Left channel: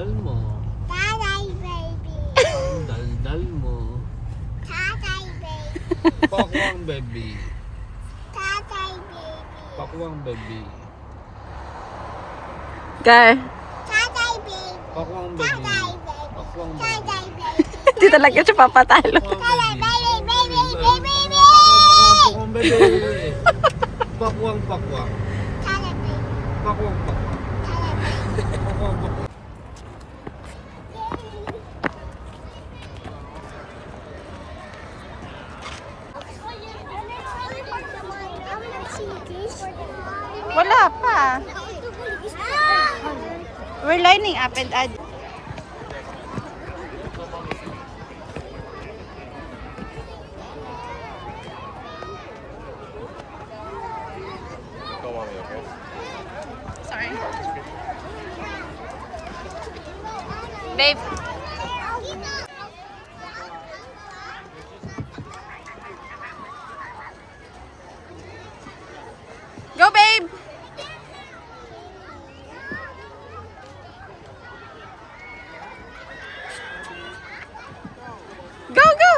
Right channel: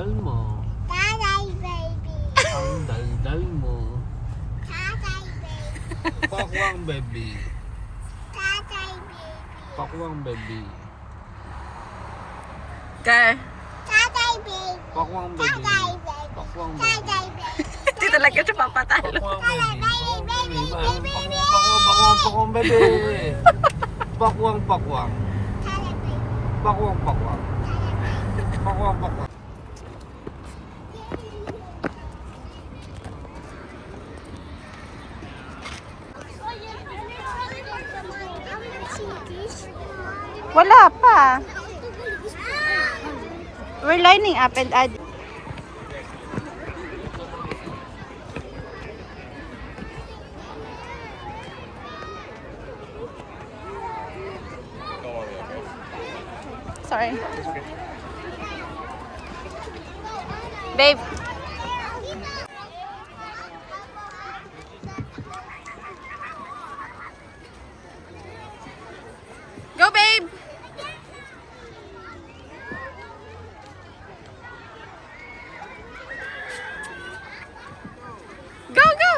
daldal mo. Tatay, baby. Ang daldal mo. Tatay, baby. Pakwang baby. Tatay, baby. Pakwang baby. Gar. Tatay, baby. Pakwang baby. Tatay, baby. Pakwang baby. Tatay, baby. Hindi talaga siya papatalo. Tatay, baby, baby, baby, baby. Pakwang baby. Pakwang pakwang. Tatay, baby. Pakwang pakwang. Tatay, baby. Pakwang pakwang. Wala pa. We're lining up and add. Sorry. Babe. Go, babe. Go, go.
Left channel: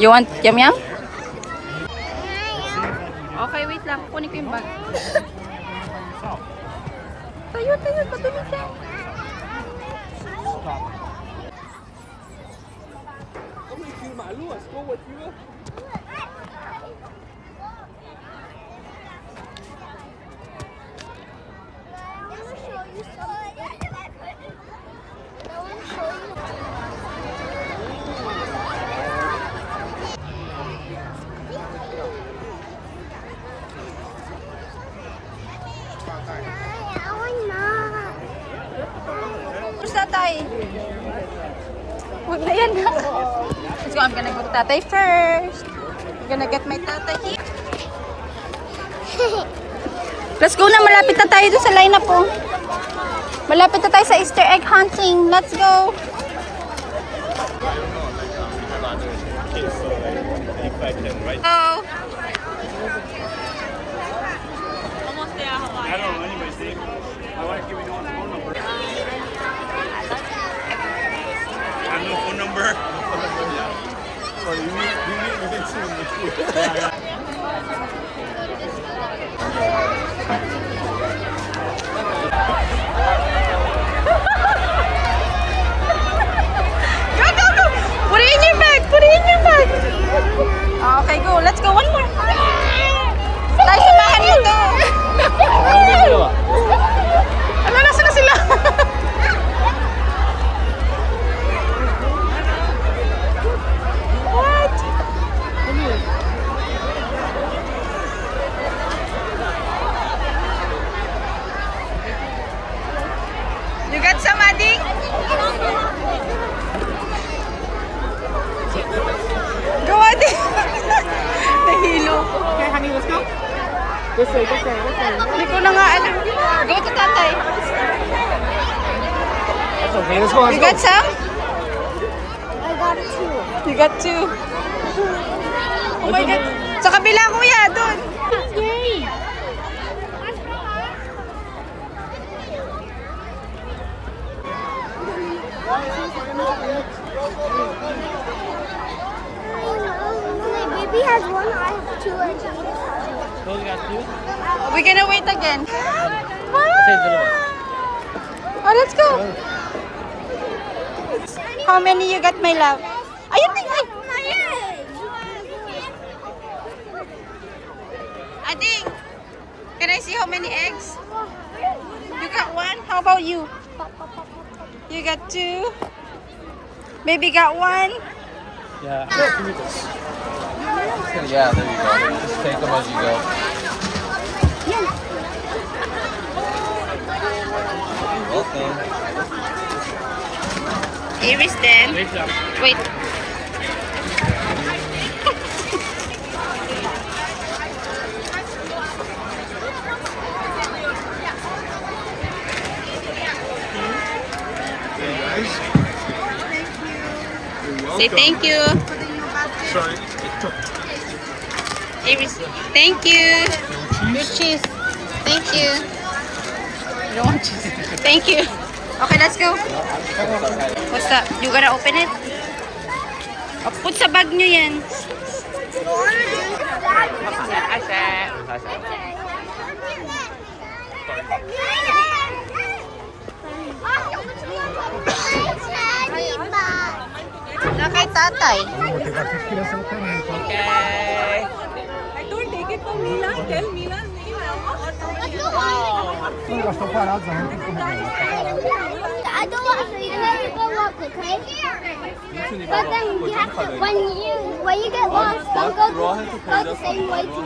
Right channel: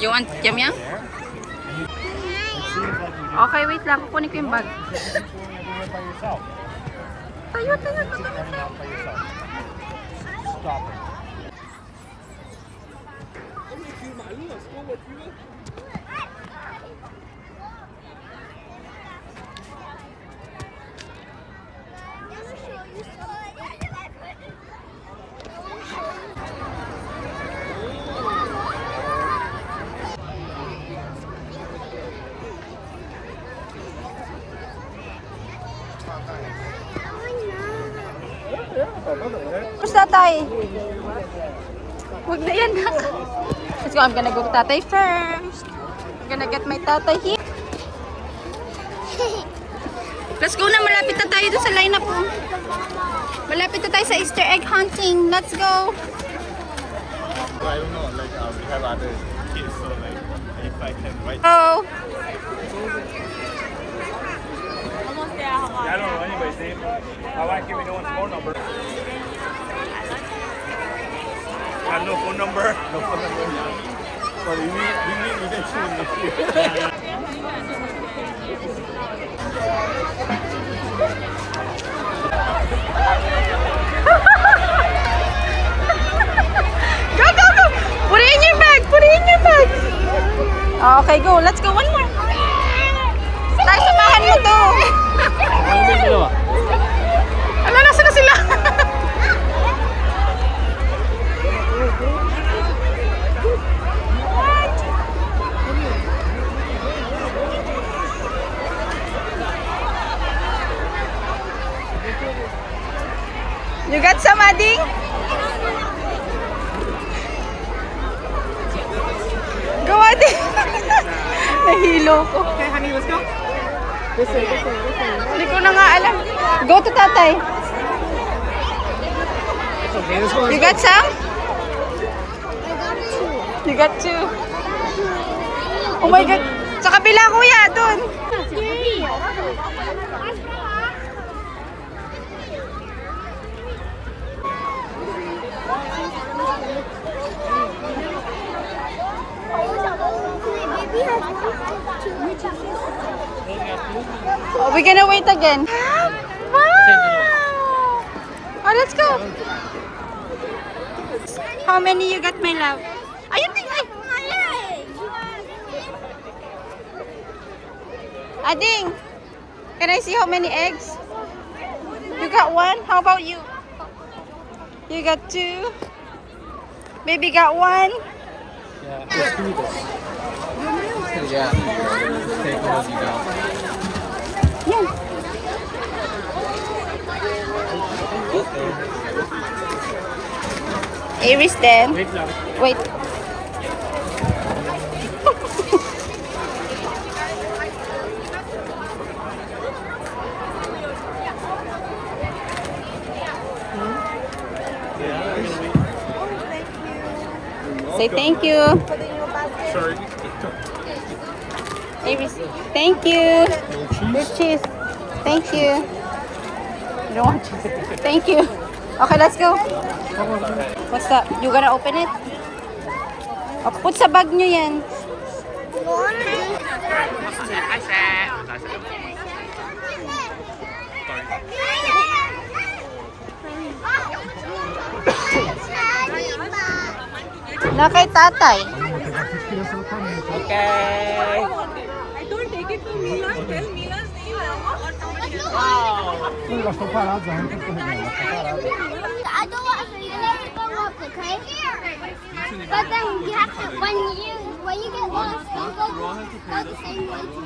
You want yum yum? Okay, wait lang. Kukunin ko yung bag. Tayo, tayo. Patumit ka. Where's tatay? Huwag na yan. Let's go. I'm gonna go to tatay first. I'm gonna get my tatay here. Let's go na. Malapit na tayo doon sa lineup po. Malapit na tayo sa Easter egg hunting. Let's go. Oh. I don't know anybody's name. I like giving you one phone number. I have no phone number. No phone number. So you need to see. Go, go, go. Put it in your bag. Put it in your bag. Okay, go. Let's go. One more. Tayo, samahan mo to. Ano, nasa na sila? What? You got some, Ading? Go, Ading. Nahilo ko. Okay, honey, let's go. This way, this way, this way. Hindi ko na nga alam. Go to tatay. That's okay, let's go. You got some? I got two. You got two. Oh my God. Sa kabila, kuya, dun. Yay! Baby has one, I have two, and two. Oh, we're gonna wait again. Wow. Oh, let's go. How many you got, my love? Ayun, ayun. Ading, can I see how many eggs? You got one? How about you? You got two? Baby got one? Yeah, yeah, there you go. Just take them as you go. Yeah. Aries then. Wait. Say thank you. Sorry. Thank you. Your cheese. Thank you. You don't want cheese. Thank you. Okay, let's go. What's that? You gonna open it? Oh, put sa bag nyo yan. Na kay tatay. Okay. I don't want to look, okay? But then you have to, when you get lost, don't go the same way to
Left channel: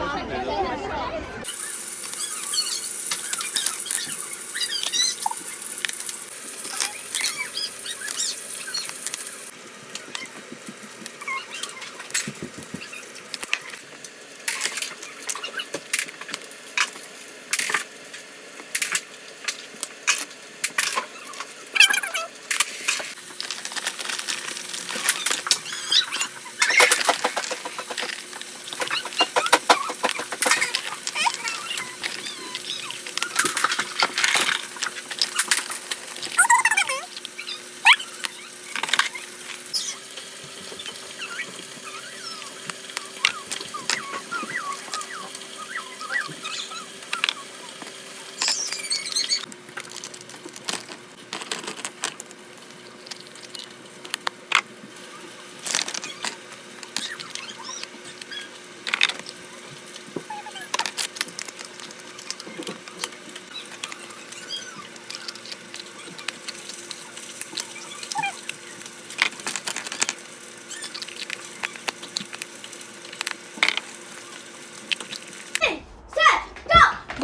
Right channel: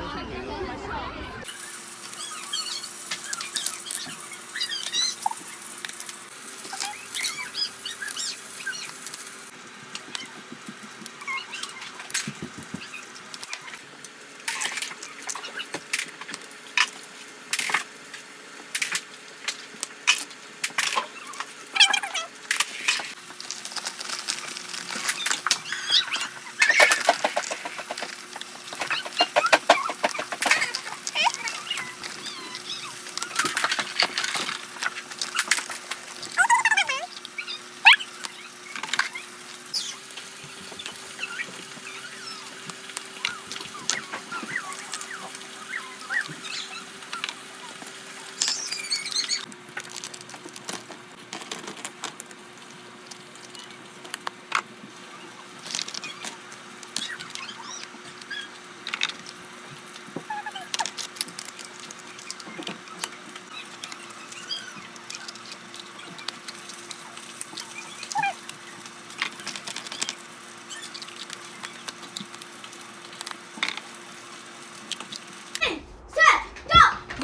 okay?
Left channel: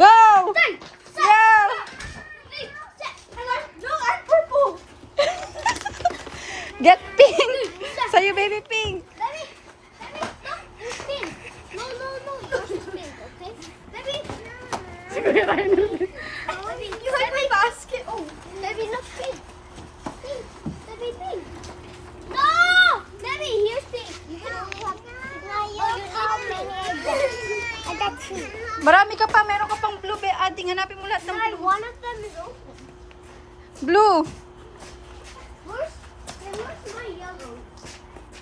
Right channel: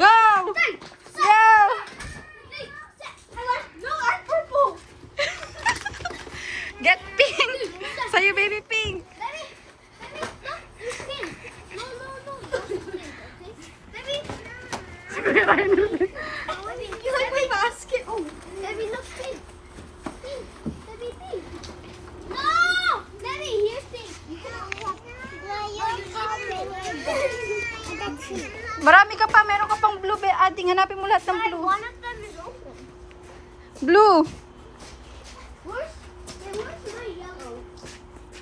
Go! Go! Get pink! Sa'yo, baby pink! You like my basket? Oh, Debbie, look pink. Pink. Debbie, pink. No! Debbie, here's pink. You can only have how many I got? I got two. Marami ka pa, meron ka pang blue. Ading, hanapin mo lahat ng blue. One of them is open. Blue! Where's my yellow?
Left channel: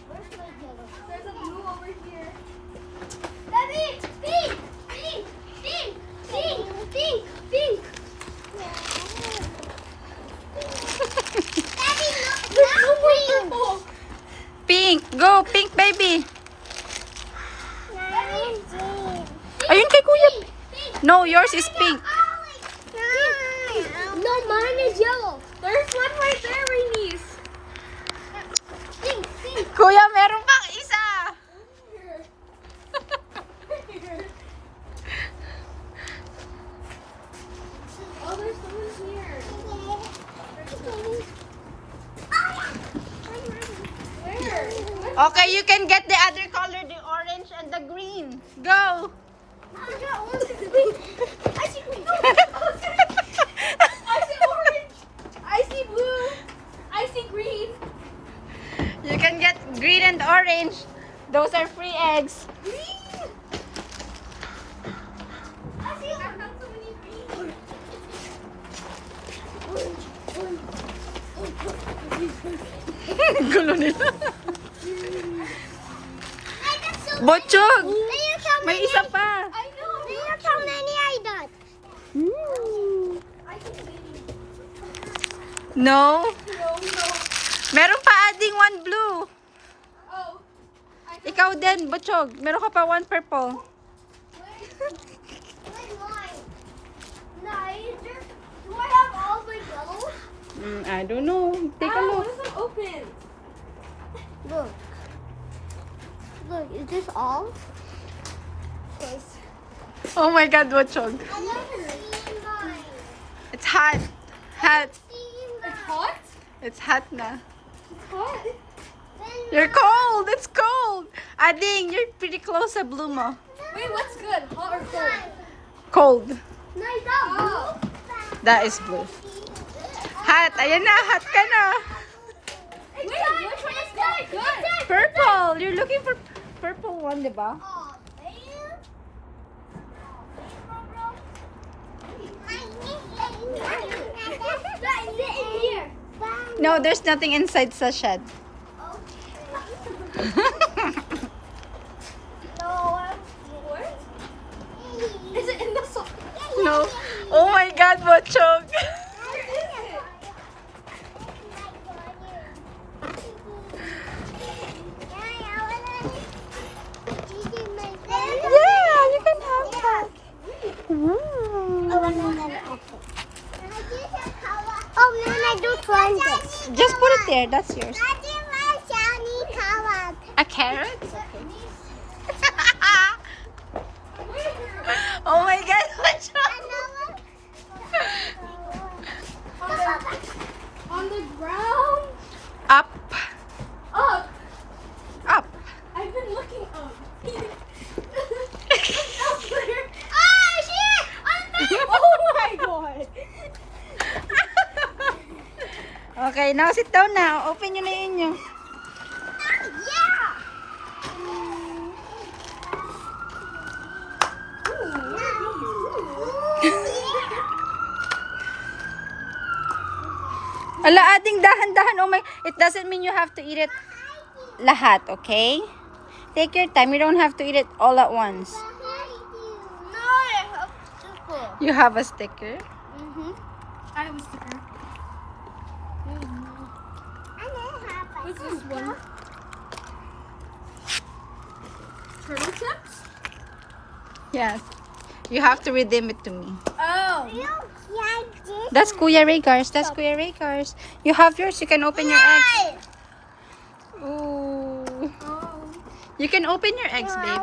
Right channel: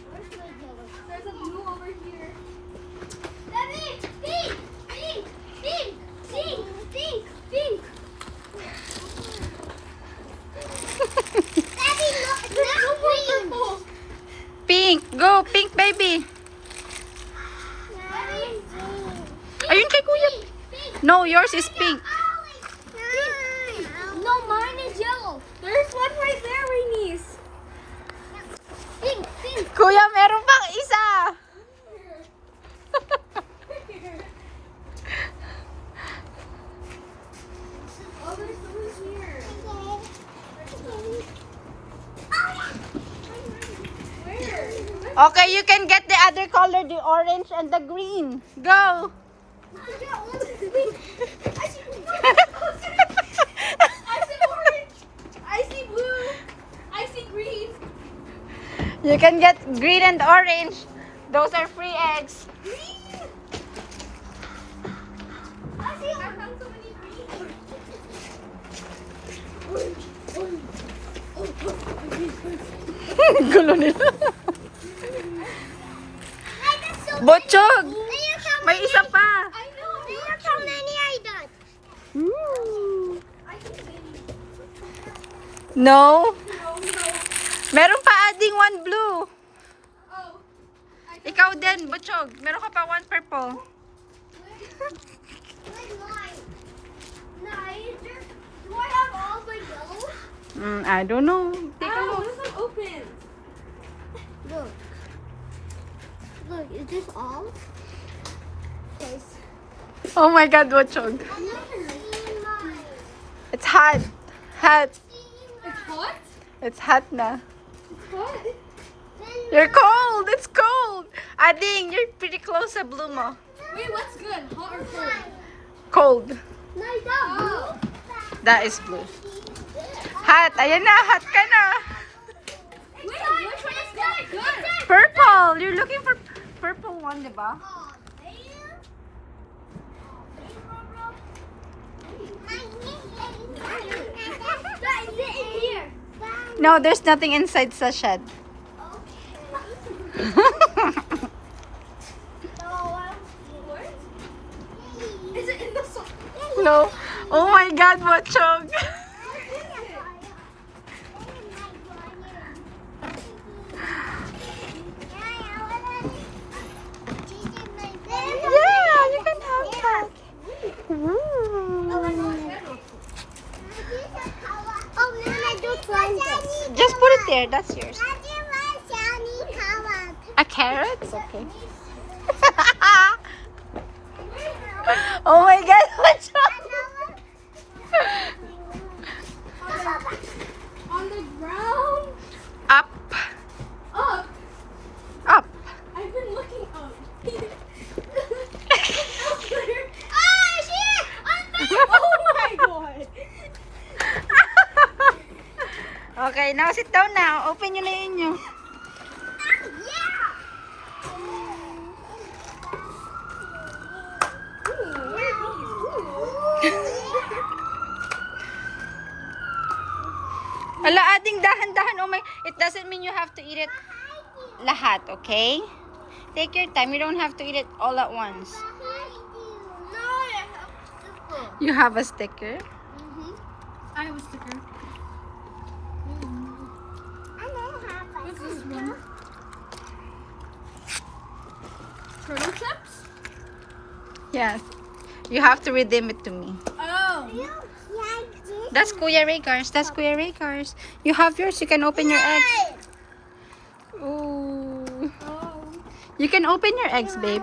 Where's my yellow? There's a blue over here. Debbie, pink! Pink! Pink! Pink! Pink! Pink! Debbie, look! That's pink! Pink! Go! Pink, baby! Ayun kay kuya. No, yours is pink. No, mine is yellow. There's one right there, Reese. Pink, pink. Kuya, meron pang isa! Oh, there's someone here. Where? Okay, you can get the other color, the orange and the green. Go! I see green. I see orange. I see blue. I see green. You can get green and orange. Those are free eggs. Green. I see orange. So many green. Gulo nila. Botchog! May isa pa. I know. Look how many I got. No. Meron pa ading one blue. Oh. Ikaw din, Botchog. Meron ka pa one purple. Where's mine? Nice. Do I have all the yellows? I don't know. Take a look. What is open? Look. Look, is this all? Yes. Oh my God, Botchog. It's hot. Hot. It's hot? It's hot na. Hot? You're cold. It's cold. Ading, you're pretty close sa blue mo. Wait, what's good? Hot or cold? Cold. Nice up. That is blue. Hot. Ayan na. Hot ka na. Wait, which one is good? Purple. You're looking for one, di ba? Oh, there? Here. No, there's nothing inside sa shed. Is it in the sock? No. Oh my God, Bochog. Yeah, you can have that. Oh, man, I do try this. Just put it there. That's yours. Daddy, my shiny carrot. A carrot? It's okay. Oh my God, Bochog. On the ground. Up. Up. Up. I've been looking up. Up there. Ah, shit! Oh my god. Okay, now sit down now. Open nyo na yun nyo. Yeah. Ala, ading dahan-dahan. Oh my, it doesn't mean you have to eat it lahat, okay? Take your time. You don't have to eat it all at once. No, I have to. You have a sticker. I have a sticker. What's this one? Turtle chips? Yes. You have to redeem it to me. Oh. That's Kuya Raycars. That's Kuya Raycars. You have yours. You can open your eggs. Ooh. Oh. You can open your eggs, babe.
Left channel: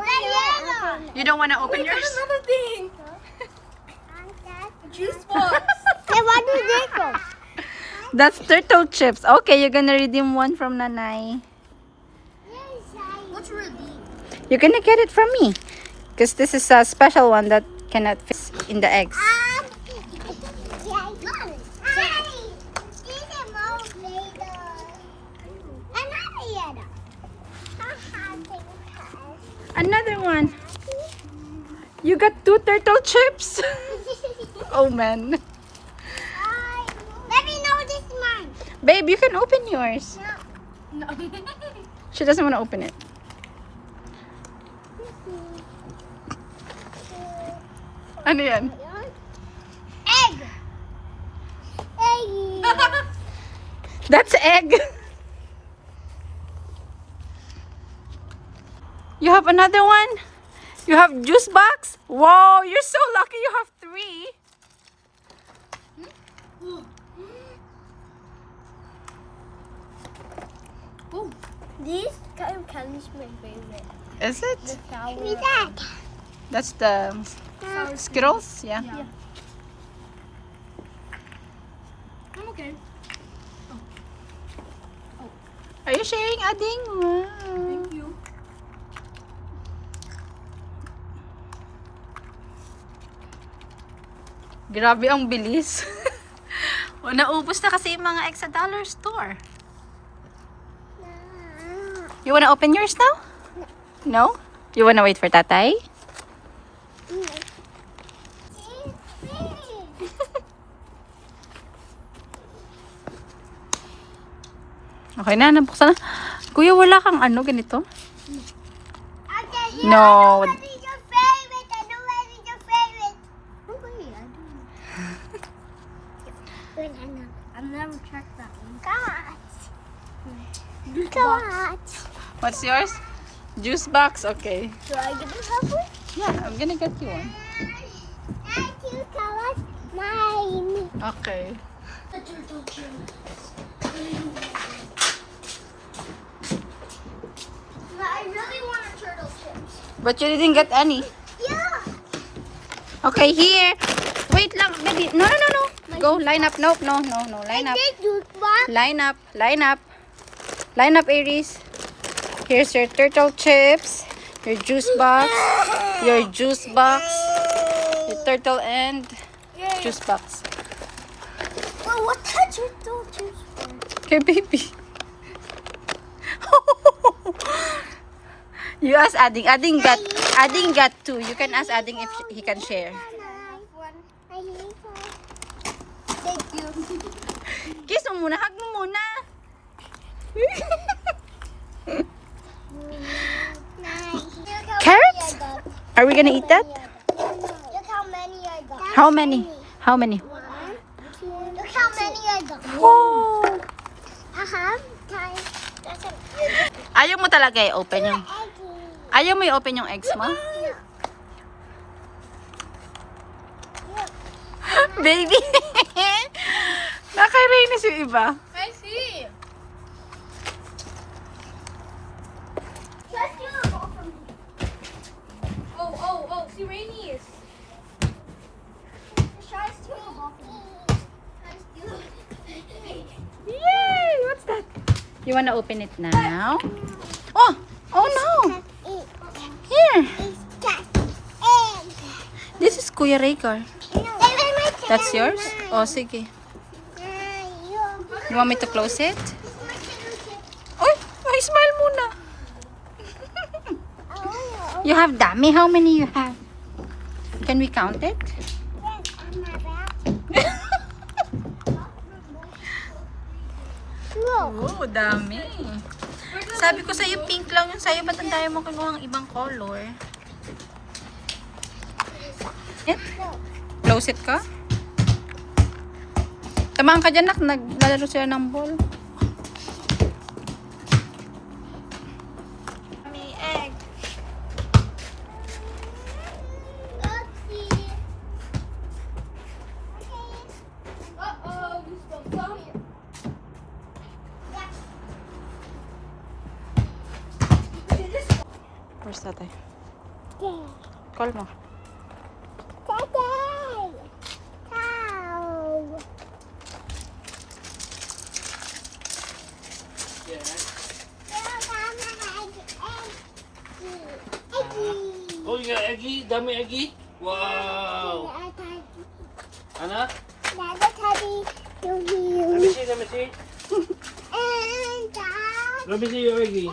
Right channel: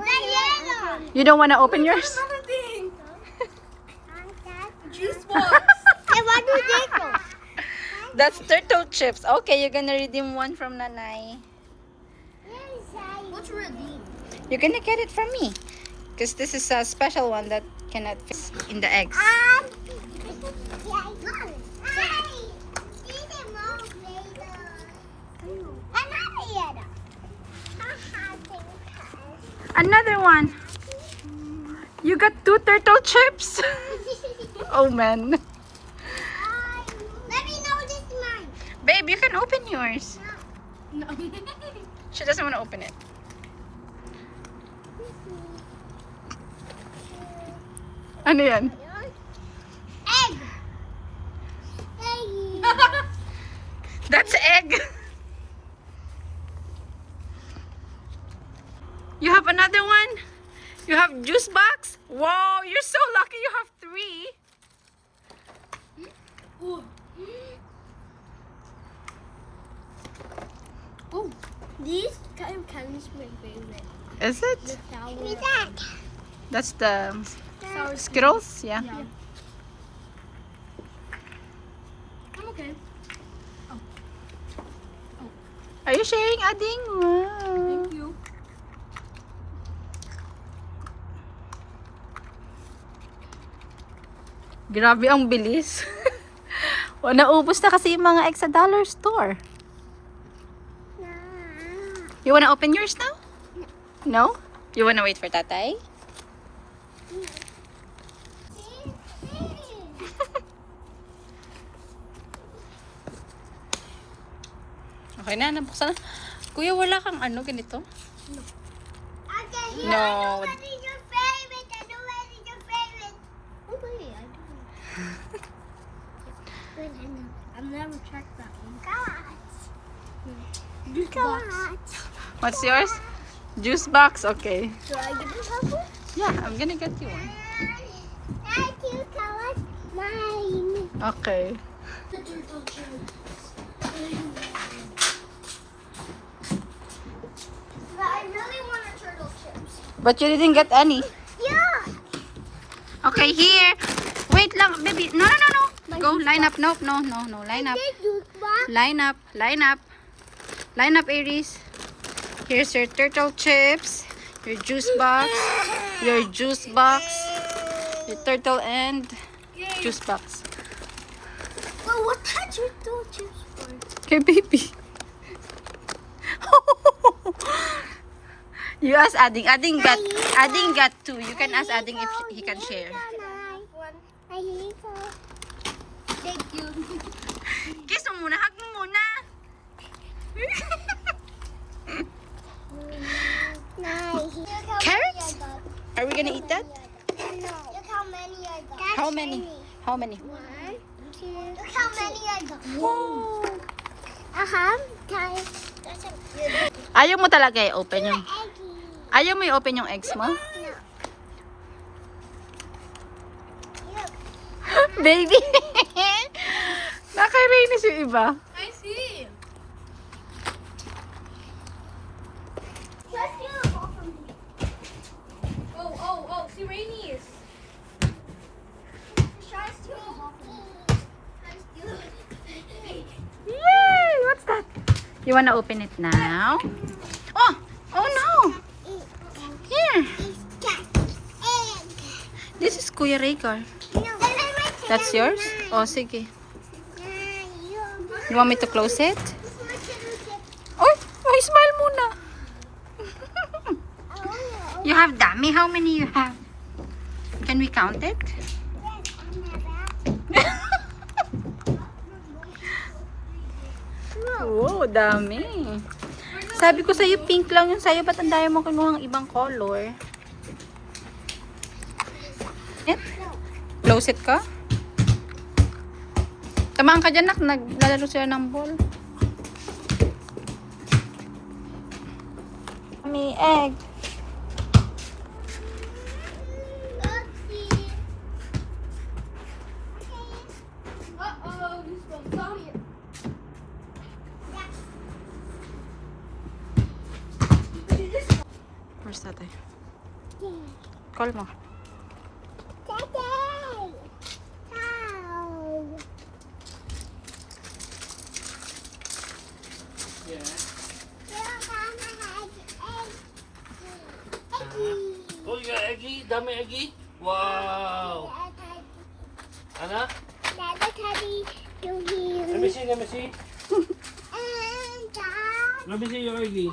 You don't want to open yours? Another thing. Juice box. Hey, what is this? That's turtle chips. Okay, you're gonna redeem one from Nanay. What's redeem? You're gonna get it from me. Because this is a special one that cannot fit in the eggs. Another one. You got 2 turtle chips? Oh man. Let me know this one. Babe, you can open yours. No. She doesn't want to open it. Ano yan? Egg. Egg. That's egg. You have another one? You have juice box? Wow, you're so lucky you have 3. Ooh. These kind of candies my favorite. Is it? Sour. That. That's the Sour Skittles? Yeah. Yeah. I'm okay. Are you sharing, Ading? Wow. Thank you. Grabe ang bilis. O, naubos na kasi yung mga eggs sa dollar store. You wanna open yours now? No? You wanna wait for tatay? Okay na, nabuksan na. Kuya, wala kang ano, ganito? No. What is your favorite? I know what is your favorite. Oh, wait, I don't know. Wait, I know. I've never checked that one. Box. What's yours? Juice box? Okay. Should I give you one? Yeah, I'm gonna get you one. Thank you, Kawas. Mine. Okay. The turtle chips. I really want a turtle chips. But you didn't get any. Yeah. Okay, here. Wait lang, baby. No, no, no, no. Go, line up. Nope, no, no, no. Line up. Line up, line up. Line up, Aries. Here's your turtle chips, your juice box, your turtle and juice box. Well, what that turtle chips for? Okay, baby. You ask Ading. Ading got 2. You can ask Ading if he can share. I need to. Thank you. Kiss mo muna. Hug mo muna. Nice. Carrots? Are we gonna eat that? Look how many I got. How many? How many? 1, 2. Look how many I got. Wow. Ayaw mo talaga i-open yung... Ayaw mo i-open yung eggs mo? No. Baby! Nakainis yung iba. I see. Oh, see Rainey's. Yay! What's that? You wanna open it now? Oh! Oh no! Here! This is Kuya Rhaegar. That's yours? Oh, sige. You want me to close it? Oy! Ay, smile muna! You have dami? How many you have? Can we count it? Oh, dami. Sabi ko sa'yo, pink lang yung sa'yo. Ba't ang dami mo kinuha ng ibang color? It? Close it ka? Tamaan ka dyan, nak. Naglalaro sila ng ball. May egg. Uh-oh, you spilled some. Where's tatay? Call mo. Oh, you got eggy? Dami eggy? Wow. Ano? Let me see, let me see. Let me see your eggy.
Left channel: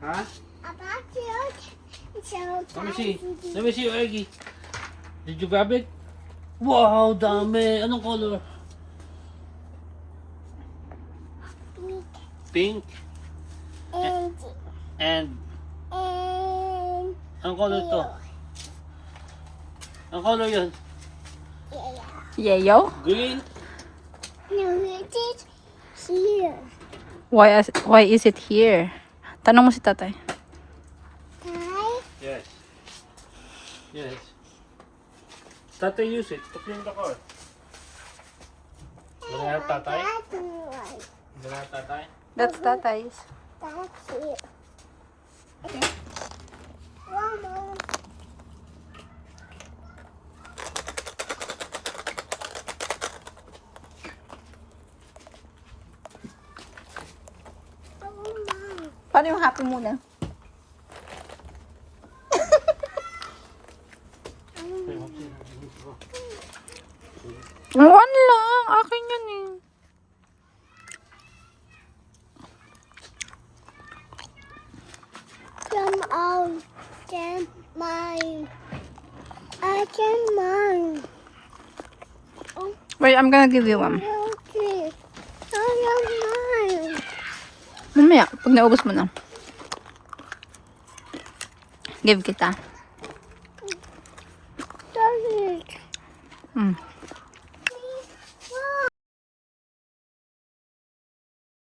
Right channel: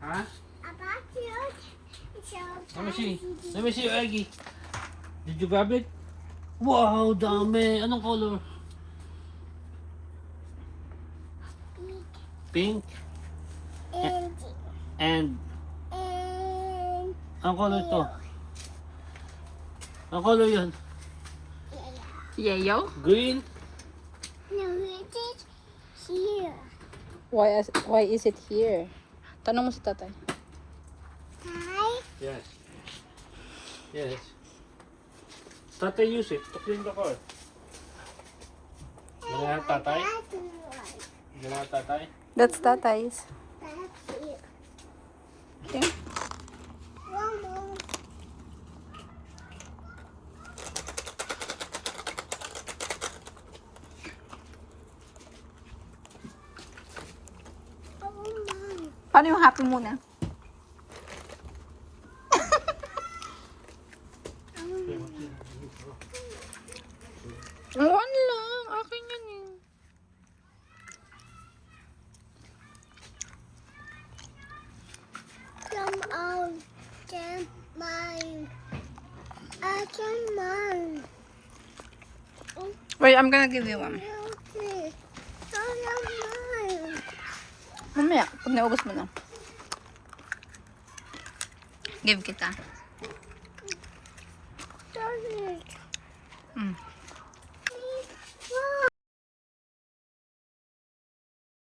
Huh? Let me see. Let me see your eggy. Did you grab it? Wow, dami. Anong color? Pink. And anong color to? Anong color yun? Yayo? Green? Here. Why is it here? Tanong mo si tatay. Yes. Yes. Tatay use it to clean the car. Ganyan tatay? Ganyan tatay? That's tatay's. That's it. Mama. Paano yung happy muna? One lang. Akin yan eh. Come on. Can mine. I can mine. Wait, I'm gonna give you one. Okay. I can mine. Mamaya, pag naubos mo na. Give kita. Does it? Mm.